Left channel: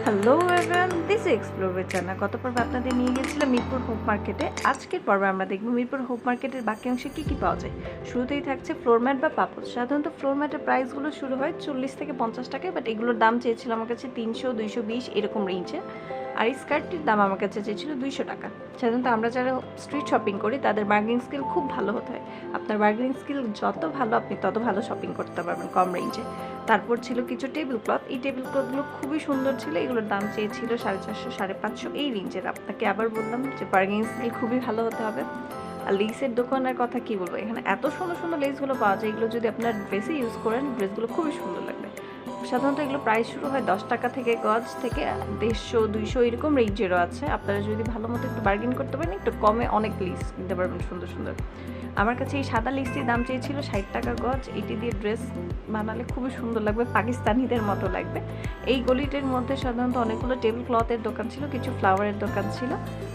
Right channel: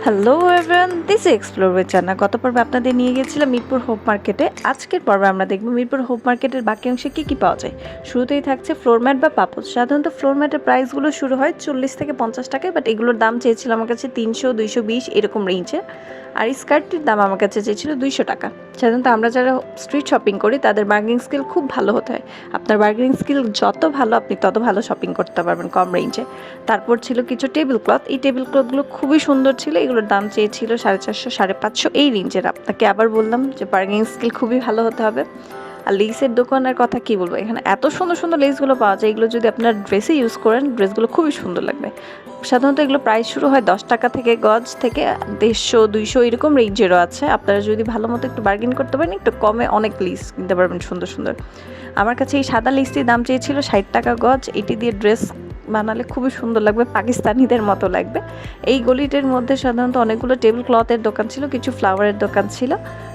Hello everyone this explore with Janna গত পর্বে আপনাদের নিয়ে গিয়েছিলাম মিরপুর হোপ মার্কেটে আজকের পর্বে আমরা দেখব মিরপুর হোপ মার্কেটের বাকি অংশে কী কী পাওয়া যায়। শুরুতেই থাকছে ফ্লোর ম্যাট বা পাপড় সাধারণত ফ্লোর ম্যাটের প্রাইসগুলো শুরু হয় চল্লিশ থেকে পঞ্চাশ টাকায় বাট এগুলোর দাম চেয়েছিল আমার কাছে তিনশো, দুইশো, বিশ এরকম রেঞ্জে আর স্কার্টটির দাম আমার কাছে চেয়েছিল দুইশো টাকা। সাধারণত আমরা যারা স্ট্রিট শপিং করি, তাদের বার্গেনিং স্কিল খুব ভালো হতে হয়। আপনার বার্গেনিং স্কিল যত ভালো, আপনি তত ভালো শপিং করতে পারবেন কম রেঞ্জে তারপর ছিল কিছু টেবিল ক্লথ এই টেবিল ক্লথগুলো খুবই সুন্দর ছিল। এগুলোর দাম চেয়েছিল সাড়ে চারশো, সাড়ে পাঁচশো, এই রেঞ্জের আপনাকে আবার বললাম যে বার্গেনিং স্কিল খুবই ভালো হতে হবে। আর লেসের দোকানের কথা কি বলব? এখানে এত সুন্দর সুন্দর লেসগুলো পাওয়া যায়, এগুলো যদি আপনার ড্রেসে ইউজ করেন ড্রেসগুলো খুবই সুন্দর লাগবে। সাধারণত এগুলো প্রাইস শুরু হয় দশ টাকা থেকে গজ থেকে দেড়শো, দুইশো এরকম রেঞ্জেরও আছে। আপনারা যদি ভালো মতো একটু বার্গেন করতে পারেন, একটু কমে অনেক লিস কিনতে পারবেন সুন্দর সুন্দর। আমার কাছে এই সাদা লিস্টির দাম চেয়েছিল ষাট টাকা গজ, এটি দিয়ে ড্রেস বানালে খুবই সুন্দর লাগবে, পাকিস্তানিদের মতো লাগবে। এই গলিটির মধ্যে সাধারণত অনেকগুলো টেবিল ক্লথের দোকান ছিল, কিছু ফ্লাওয়ারের দোকান ছিল।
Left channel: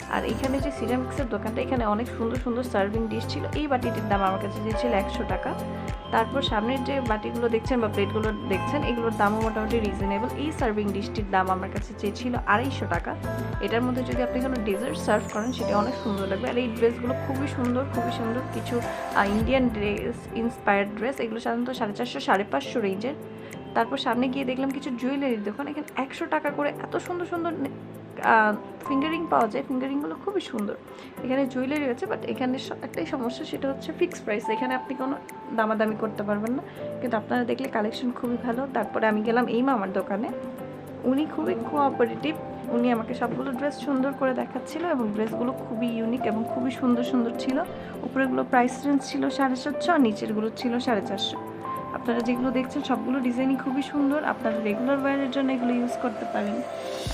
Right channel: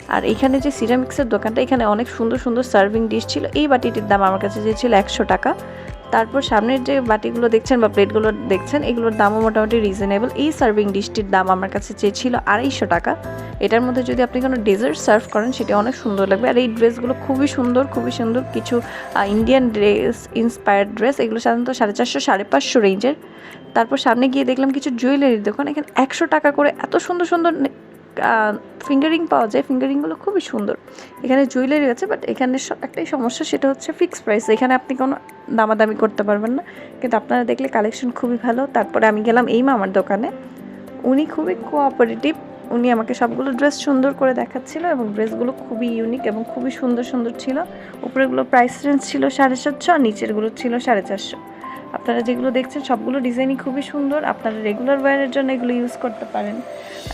আর এখানে যে সিরামিক্সের দোকানটা, এখানে অনেক সুন্দর সুন্দর সার্ভিং ডিশ ছিল। এই বাটিটির দাম আমার কাছে যে ছিল একশো টাকা। তারপর সামনের যে বাটিগুলো দেখছেন বা প্লেটগুলো দেখছেন, এগুলোর দামও মোটামুটি রিজনেবল এই সার্ভিং ডিশটির দাম আমার কাছে চেয়েছিল আড়াইশো টাকা। এটার মধ্যে যদি আপনি কোনো ডেজার্ট সার্ভ করেন, সেটা অনেক সুন্দর লাগবে। আর এই ড্রেসগুলো খুবই সুন্দর খুবই সুন্দর কিছু ইন্ডিয়ান ড্রেস ইন্সপায়ার্ড ড্রেস এগুলো সাধারণত সাড়ে চারশো, সাড়ে পাঁচশো রেঞ্জের তারপর সামনে গিয়ে দেখলাম কিছু জুয়েলারির দোকান এখানে একশো টাকা করে এত সুন্দর সুন্দর ফিঙ্গারিং পাওয়া যায়। ফিঙ্গারিংগুলো খুবই সুন্দর। এখানে জুয়েলারি আছে বাট এখানে একটাই সমস্যা, সেটা হচ্ছে ফিক্সড প্রাইস এখানে আপনি কোনো দামাদামি করতে পারবেন না। কিন্তু আপনারা দেখলে কালেকশন খুবই ভালো। তারপরে আমি গেলাম এই মামার দোকানে। উনি খুবই কোঅপারেটিভ উনি আমাকে সবগুলো ড্রেস সুন্দর করে দেখাচ্ছিল এবং ড্রেসগুলো খুবই ইউনিক এবং খুবই সুন্দর সুন্দর ছিল। উপরেগুলো প্রাইস রেঞ্জ ছিল সাড়ে সাতশো আর নিচেরগুলো ছিল সাড়ে চারশো। আপনারা যেগুলো দেখছেন, সবগুলো ডিজাইনই খুবই সুন্দর। আপনারা রেগুলার ওয়্যারের জন্য এগুলো ইউজ করতে পারেন।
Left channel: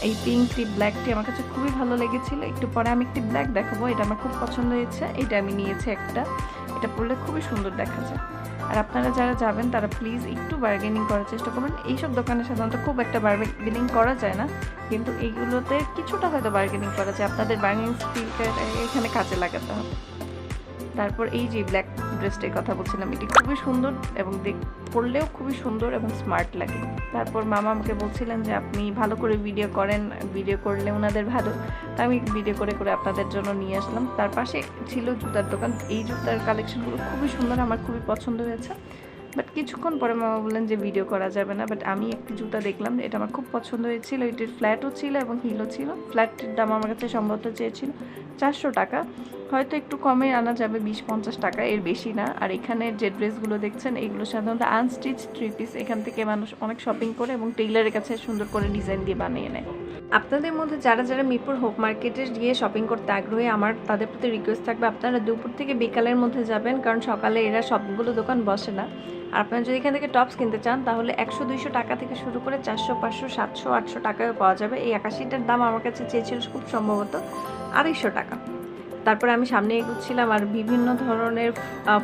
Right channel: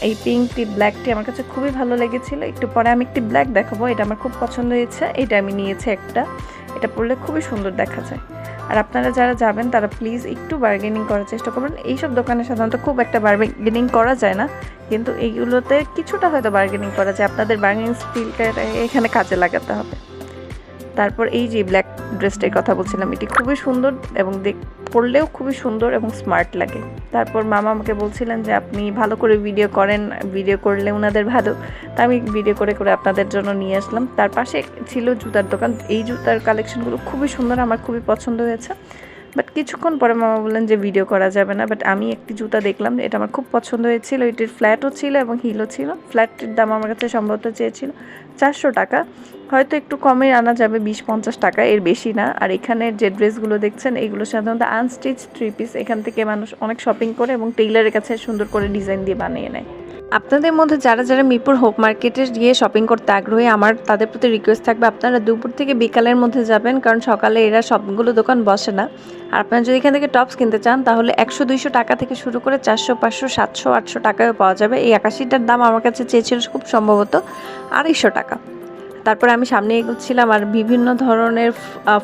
এই পিঙ্কটি ব্ল্যাকটি আমার কাছে খুবই ভালো লেগেছিল। একটু পরে আমি একটি ব্ল্যাক দেখাবো, এটা আমার খুব পছন্দ হয়েছে। এটা আমি নিয়েছি একটা। এটা পরলে খুবই সুন্দর দেখা যায়। আর আপনারা যারা যাবেন, তারা প্লিজ একটু বার্গেনিং করার চেষ্টা করবেন। এইসব দোকানে সাধারণত খুব একটা বার্গেনিং করা যায় না। কিন্তু এইগুলোতে কিছুটা হয়তো বার্গেনিং করা যায়। আপনাদের বার্গেনিং স্কিলটা এখানে কাজে লাগাতে হবে। তারপর এই যে ব্ল্যাক ড্রেসটার কথা বলছিলাম, এটি খুবই সুন্দর এবং দেখ, পরলেও খুবই সুন্দর এবং স্মার্ট লাগে। তারপর মামা আমাকে বলছিলেন যে, আপনি ভালো করে ভিডিও করেন ভিডিও করলে ওনাদের ভালো। তা আমি ভিডিও করে করে আপনাদের জন্য নিয়ে আসলাম। তার পাশে ছিল জুতার দোকান। এই জুতার কালেকশনগুলো খুবই সুন্দর, আমার খুবই পছন্দ হয়েছে। বাট কিছুক্ষণ পরে মামা বললেন যে ভিডিও করা যাবে না বাট আমি একটি জুতা দেখলাম, এটা আমার খুব পছন্দ হয়েছিল, এটির ফ্ল্যাটও ছিল এবং হিলও ছিল। ফ্ল্যাটটির দাম আমার কাছে সম্ভবত চেয়েছিল চারশো টাকা। হয়তো একটু কমে আনা যাবে বিশ পঞ্চাশ টাকা, এর বেশি না। আর এখানের যে ড্রেসগুলো দেখছেন, এগুলো সাধারণত আনস্টিচ থ্রি পিস এখান থেকে মানুষ অনেক শপিং করে এবং টেইলারের কাছে সুন্দর করে ডিজাইন দিয়ে বানিয়ে নেয়। আপনাদের মধ্যে যারা যারা মিরপুর হোপ মার্কেটে গিয়ে শপিং করতে আগ্রহী, আমার তাদের প্রতি রিকোয়েস্ট থাকবে আপনারা দুপুর থেকে বিকালের মধ্যে যাবেন, কারণ সকালে এরা সবগুলো দোকান বসে না। আর আপনারা যদি এখান থেকে টপস কিনতে চান, তাহলে একশো, দুইশো টাকা থেকে শুরু করে চারশো, পাঁচশো, সাতশো, আটশো টাকায়ও পাওয়া যাবে। এই আকাশিটার দাম আমার কাছে চেয়েছিল খুব সম্ভবত আড়াইশো টাকা। তারপরে আমি সামনে এগোচ্ছিলাম আর বিভিন্ন ধরনের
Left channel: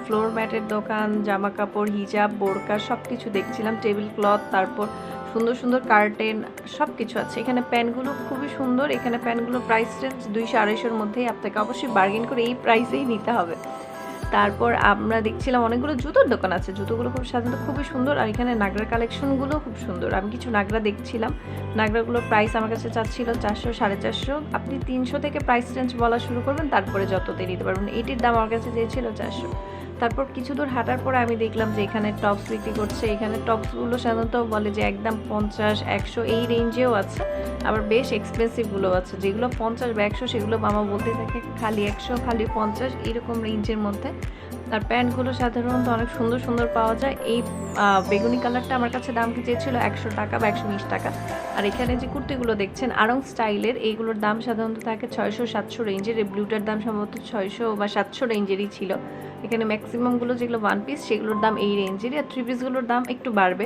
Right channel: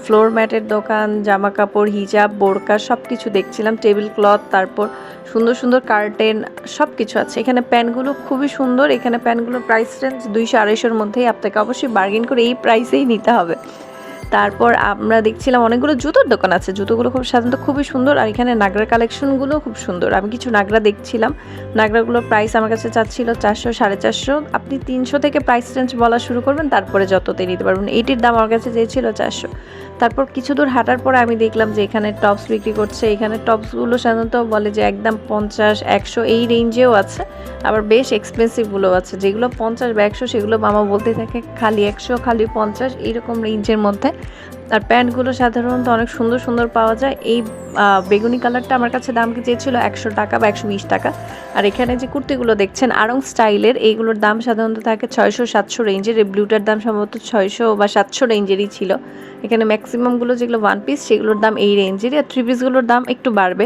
ফ্লোর ম্যাটের দোকান জামা কাপড় হিজাব, বোরকা সব কিছু দেখছিলাম টেবিল ক্লথ তারপর সুন্দর সুন্দর কার্টেন সব কিছু আছে। এখানে প্যানগুলো খুবই সুন্দর। এখানে প্যানগুলোর প্রাইস রেঞ্জ দুইশো আড়াইশোর মধ্যেই আপনাকে অবশ্যই বার্গেন করে এই প্রাইসেই নিতে হবে। তারপর আমরা দেখছিলাম অনেকগুলো জুতোর দোকান আছে। জুতোগুলো খুব সাধারণত খুবই সুন্দর আর এখানে নাগরা কালেকশনগুলো খুব সুন্দর। আমি কিছু নাগরা দেখছিলাম। নাগরাগুলোর প্রাইস আমার কাছে চাচ্ছিল চারশো, সাড়ে চারশো। আপনি তিনশো থেকে প্রাইস রেঞ্জ বলা শুরু করবেন, তারপরে যততে নিতে পারবেন। এইটির দাম আমার কাছে চেয়েছিল চারশো। তারপর কিছু দূর হাঁটার পরে আমি দেখলাম যে এখানে টপস বিক্রি করছে। এখানে টপসগুলো সাধারণত বলে যে একদম পঞ্চাশ, একশো এই রেঞ্জেও আছে। আবার বেশ এক্সপেন্সিভগুলো আছে। যেগুলো পঞ্চাশ বা একশো সেগুলো মামা বলতে থাকে খালি একশো, খালি পঞ্চাশ, এইরকম রেঞ্জের মধ্যে। আর প্যান্টগুলো সাধারণত অনেক সুন্দর সুন্দর পাওয়া যায়। এই বেগুনি কালারটা আমার কাছে দাম কি চেয়েছিল একশো টাকা বা একশো বিশ টাকা। আর এখানে যে কুর্তিগুলো দেখছেন, আরং স্টাইলের, এইগুলোর দাম সাধারণত থাকে ছয়শো সাতশো রেঞ্জের এই ব্লুটার দাম সম্ভবত ছয়শো বা সাতশো রেঞ্জেরই ছিল। এখানে ম্যাক্সিমামগুলো যেগুলো ওয়ান পিস সেগুলোর দাম এই রেঞ্জেরই আর থ্রি পিসগুলোর দাম একটু বাড়বে।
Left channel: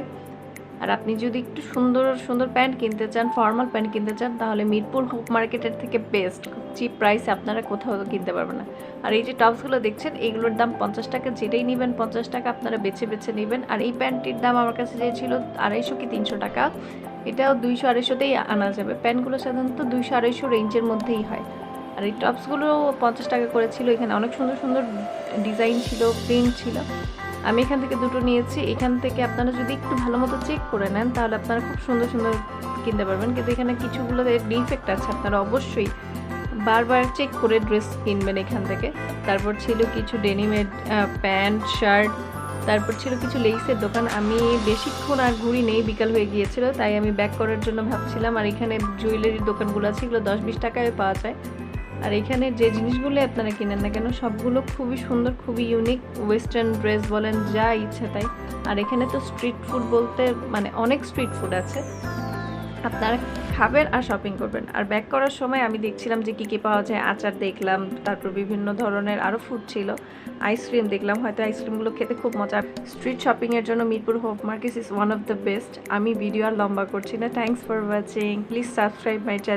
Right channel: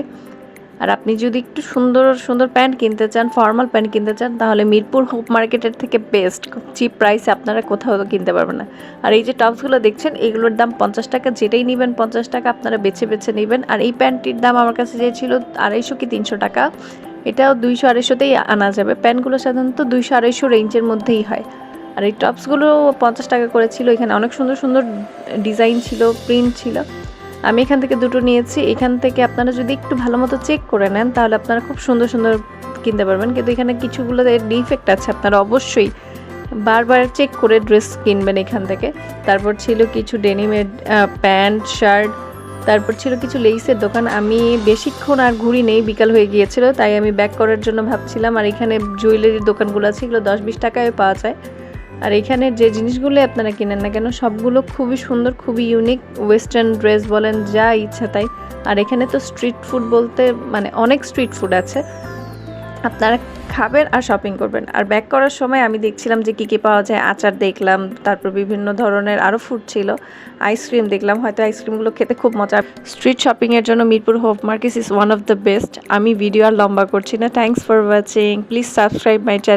আর আপনি যদি একটু সুন্দর সুন্দর প্যান্ট কিনতে চান ফর্মাল প্যান্ট কিনতে চান, তাহলে মিরপুর হোপ মার্কেটের থেকে বেস্ট খুব চিপ প্রাইসে আপনারা কোথাও কিনতে পারবেন না। আর এই যে টপসগুলো দেখছেন, এগুলোর দাম পঞ্চাশ টাকা, যেটাই নেবেন পঞ্চাশ টাকা আপনারা বেছে বেছে নেবেন। আর এই প্যান্টটির দাম আমার কাছে যে ছিল আড়াইশো কি তিনশো টাকা। এটাও দুইশো আড়াইশোতেই আনা যাবে। প্যান্টগুলো সাধারণত দুইশো আড়াইশো রেঞ্জের মধ্যেই হয়। আর এই টপসগুলো পঞ্চাশ টাকা করে ছিল। এখানে অনেক সুন্দর সুন্দর ডিজাইন ছিল প্রিন্ট ছিল। আমি এখান থেকে দুটো নিয়েছি। এখান থেকে আপনারা যদি একটু ভালো মতো চেক করে নেন, তাহলে আপনারা খুব সুন্দর সুন্দর কিনতে পারবেন। কিন্তু এখানে কিছুগুলো ডিফেক্ট আছে, আপনারা অবশ্যই বারবার চেক করে ড্রেস কিনবেন এখান থেকে। তারপর ছিল কিছু ডেনিমের প্যান্ট শার্ট তারপর ছিল কিছু লেইসের দোকান। আমি বেশিক্ষণ আর ঘুরি নেই, বিকাল হয়ে গিয়েছিল, তাই আমি ব্যাক করার জন্য ভাবছিলাম। আর এখানে জুয়েলারির দোকানগুলো আছে, এগুলো দশ বিশ টাকায় পাওয়া যায়। আর এখানে যে জিনিসগুলো আপনারা কিনেন না কেন, সবগুলো খুবই সুন্দর, খুবই ইউনিক ওয়েস্টার্ন ড্রেস বলেন, যা ইচ্ছা তাই। আর এখানে তো স্ট্রিট ফুড বলতে মানে অনেক স্ট্রিট ফুড আছে। আপনারা খাবেন আর শপিং করবেন। আর ব্যাক করার সময় আমি দেখছিলাম যে কী কী পাওয়া যায়, আচার দেখলাম, তারপর বিভিন্ন ধরনের আরও ফুড ছিল। আইসক্রিম দেখলাম, হয়তো আইসক্রিমগুলো খেতে খুব মজা স্ট্রিট শপিংয়ের জন্য Mirpur Hope Market is one of the best আমি ভিডিও আর লম্বা করছি না। Thanks for watching please subscribe my channel